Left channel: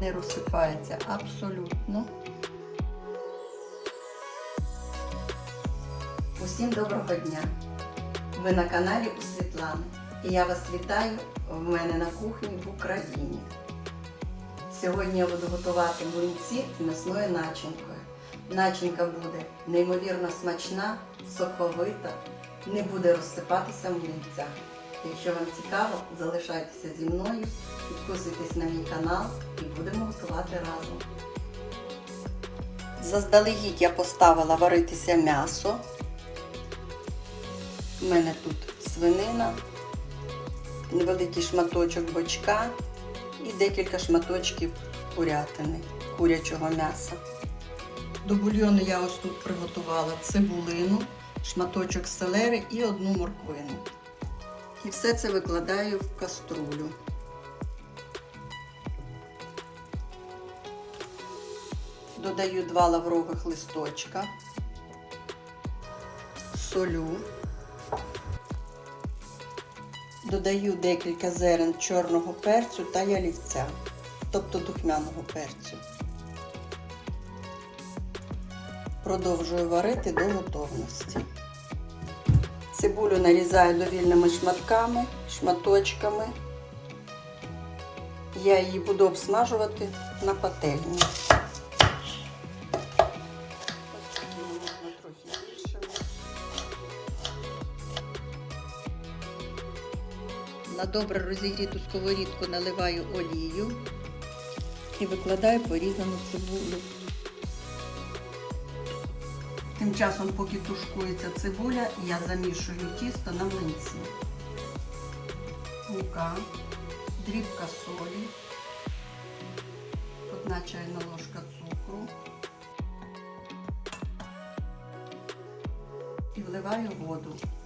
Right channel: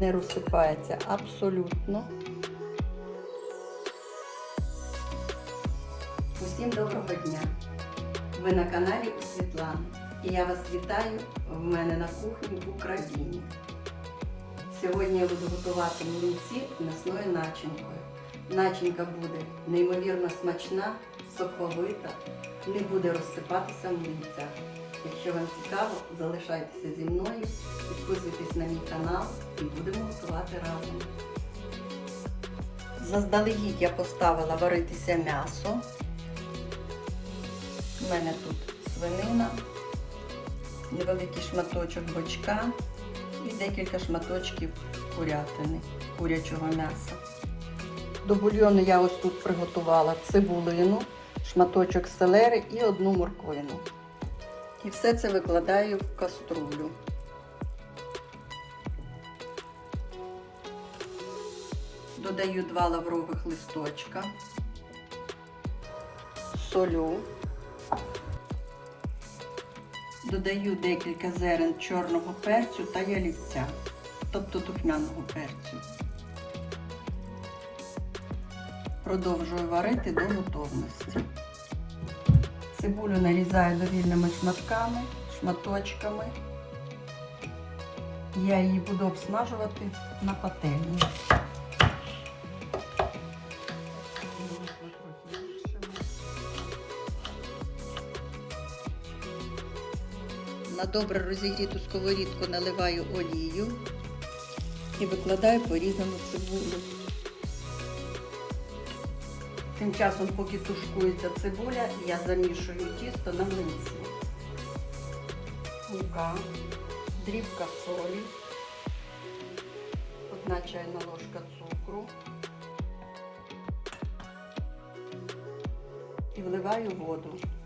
не розсипається абсолютно. Усім доброго дня! Ви на каналі у Світлани. І я вас вітаю в мене на кухні в Україні. Сьогодні я буду готувати млинці з м'ясною начинкою. Начинка буде неймовірно смачна, соковита, не буде розсипатися в млинцях. Якщо вам цікаво, залишайтеся зі мною, підписуйтесь на мій канал і будемо готувати разом. Заздалегідь я поставила варитися м'ясо. У мене тут свинина, невеликий шматочок бочка і декілька шматочків курятини, курячого м'яса. До бульйону я ось тут приготувала цибулину, шматочок селери і одну морквину. І все це викладаю в каструлю. Додаю два лаврових листочка, солю, додаю декілька зерен чорного перцю та ялівця, тобто духмяного перцю. Продовжую варити до готовності. Цибулю нарізаю довільними шматками, шматочками. Я її буду обсмажувати на пательні. На добре розігріту сковорідку наливаю олію і викладаю порізану цибулю. Тим часом, поки тушкується цибуля, я замішую тісто на млинці. Мука, дрібка солі, одна чайна ложка цукру і вливаю воду.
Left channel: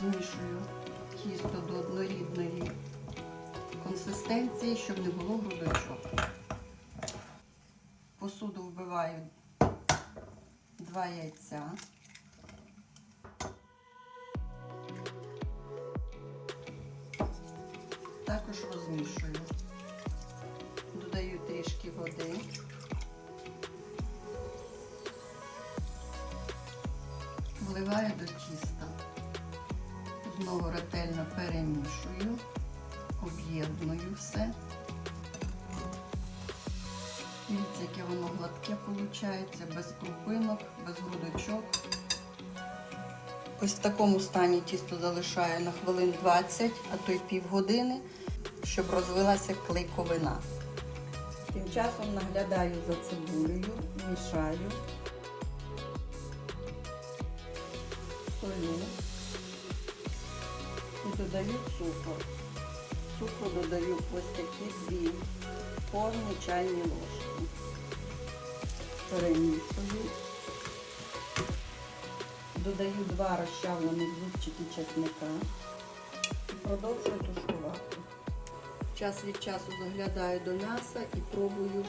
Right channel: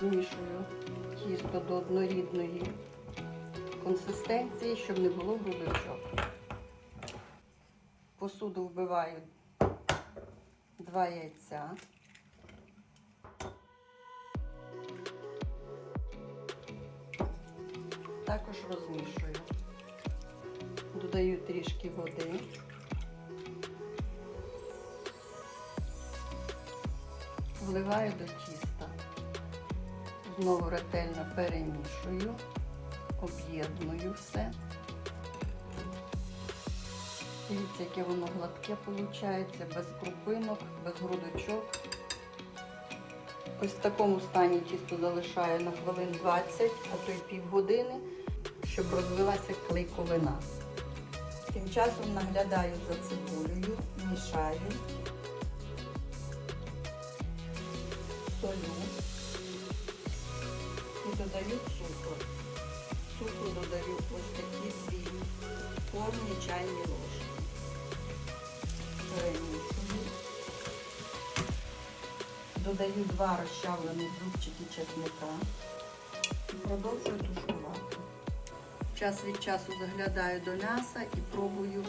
Розмішую тісто до однорідної консистенції, щоб не було грудочок. Посуду вбиваю два яйця. Також розмішую. Додаю трішки води. Вливаю до тіста. Знову ретельно перемішую об'єдную все. Дивіться, яке воно гладке виходить, без крупинок, без грудочок. Ось в такому стані тісто залишаю на хвилин 20, а то й півгодини, щоб розвилася клейковина. Тим часом наглядаю за цибулею, мішаю, солю додаю ось такі дві повні чайні ложки. Перемішую. Додаю два розчавлені зубчики чесника і продовжую тушкувати. Час від часу заглядаю до м'яса і пробую.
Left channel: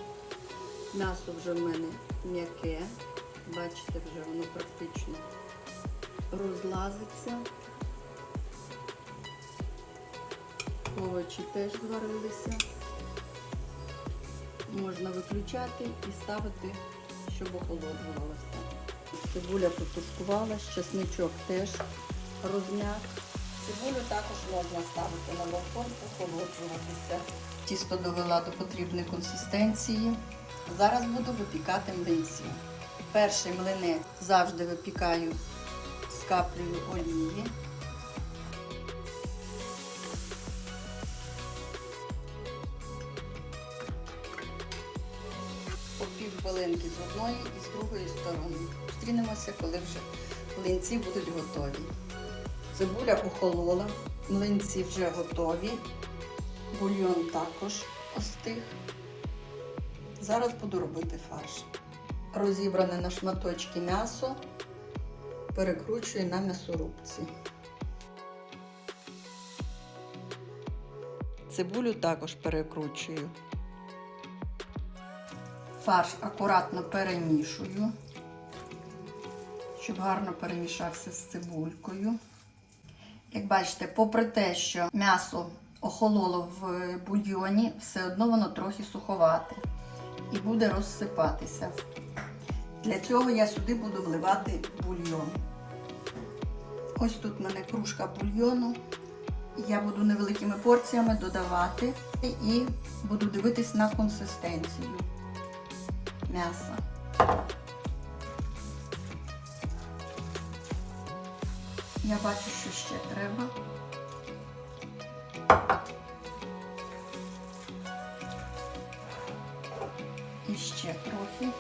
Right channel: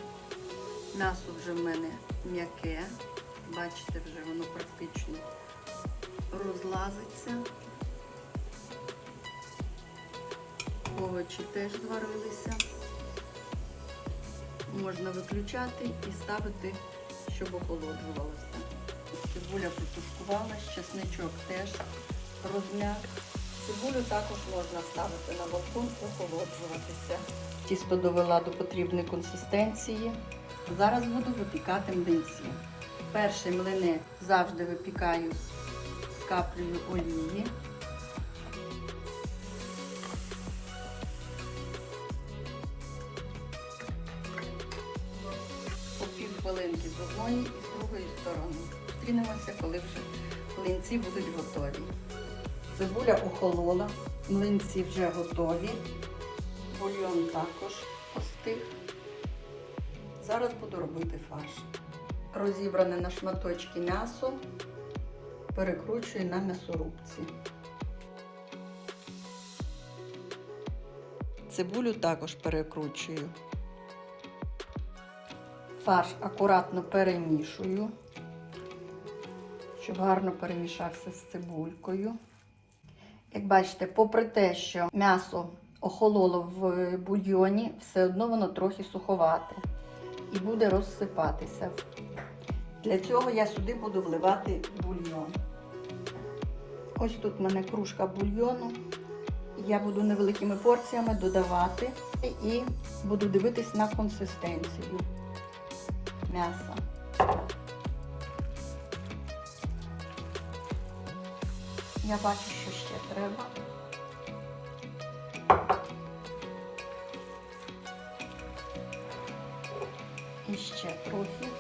М'ясо вже в мене м'яке. Бачите, вже воно практично розлазиться. Овочі теж зварилися. Можна виключати і ставити, щоб охолоджувалося. Цибуля потушкувалась, чесничок теж розм'як. Цибулю також можна ставити на балкон, охолоджуватися. Тісто довела до потрібної консистенції. Зараз буду випікати млинці. Перший млинець завжди випікаю з каплею олії. Хвилинки з одної і з другої сторони. Зустрінемося, коли вже млинці будуть готові. Цибуля охолола, млинці вже готові, бульйон також остиг. Зараз буду робити фарш. Розібране на шматочки м'ясо, перекручую на м'ясорубці. Цибулю також перекручую. Фарш акуратно перемішую, щоб гарно перемішався з цибулькою. Як бачите, попри те, що м'ясо охололо в бульйоні, все одно воно трохи суховате і буде розсипатися. Для цього я сюди буду вливати бульйон. Ось тут в мене кружка бульйону. Я буду невеликими порціями додавати і буду дивитись на консистенцію Я бачу, що ще треба. І ще трохи.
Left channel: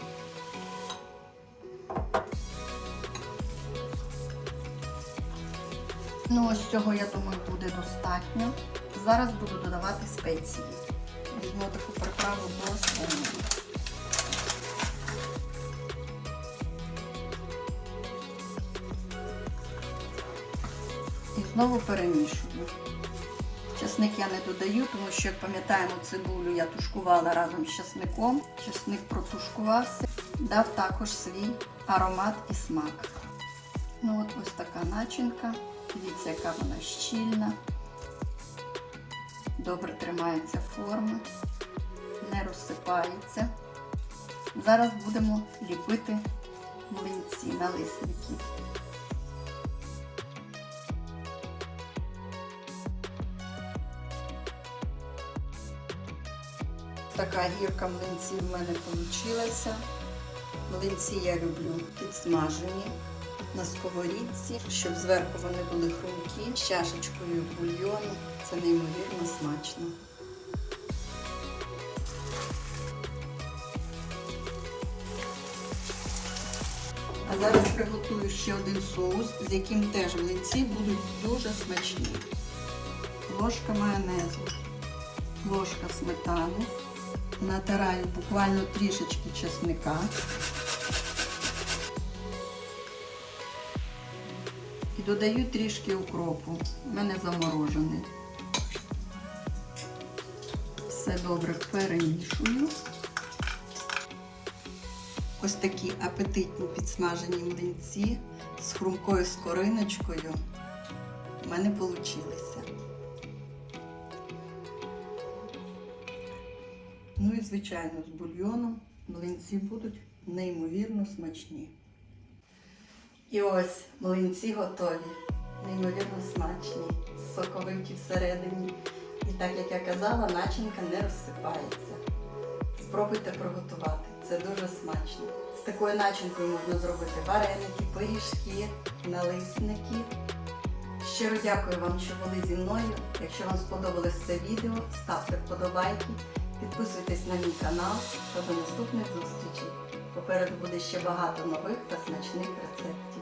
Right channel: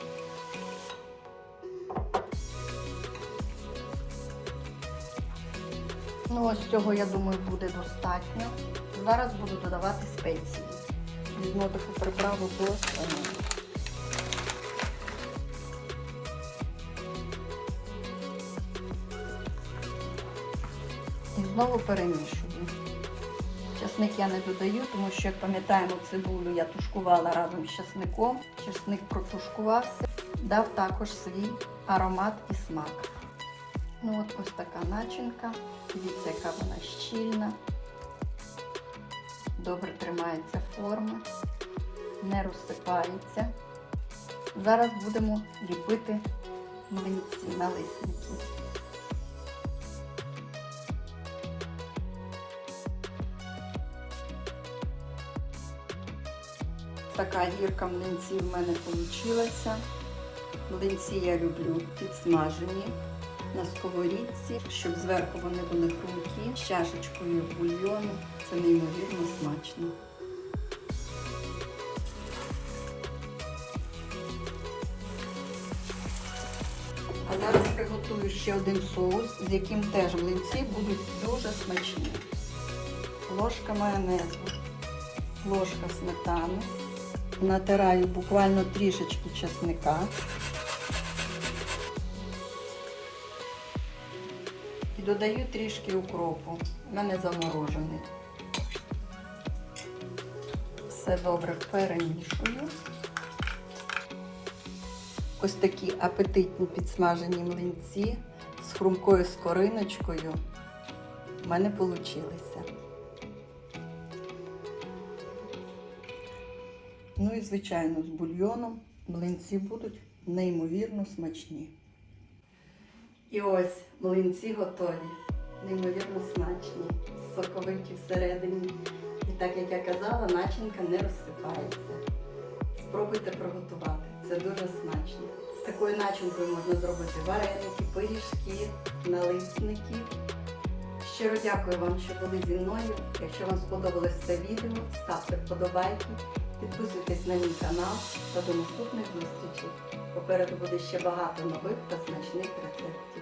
Ну, ось цього, я думаю, буде достатньо. Зараз буду додавати спеції. Візьму таку приправу до знову перемішую. Часник я не додаю, тому що, як пам'ятаємо, цибулю я тушкувала разом з часником. Часник протушкувався, дав також свій аромат і смак. Ну от ось така начинка. Дивіться, яка вона щільна. Добре тримається форма, не розсипається. Зараз будемо ліпити млинці налисники. Така гірка млинців в мене вийшла. Млинці я люблю підсмажені на сковорідці, щоб зверху вони були хрумкі, з чашечкою бульйону. Це неймовірно смачно. А зараз приготую ще один соус, з яким теж млинці будуть дуже смачні. Ложка майонезу, ложка сметани. Натираю буквально трішечки чесника. І додаю трішки укропу. У мене заморожений. Все добре перемішую. Ось такі апетитні підсмажені млинці з хрумкою скориночкою в мене вийшли. Ну і, звичайно, з бульйоном млинці будуть неймовірно смачні. І ось млинці готові, неймовірно смачні, соковиті всередині. І так як я казала, начинка не розсипається. Спробуйте приготувати, це дуже смачно. З такою начинкою можна зробити вареники, пиріжки, налисники. Щиро дякую вам, що були зі мною. Якщо вам сподобалось це відео, ставте вподобайки, підписуйтесь на мій канал та до наступних зустрічей. Попереду буде ще багато нових та смачних рецептів.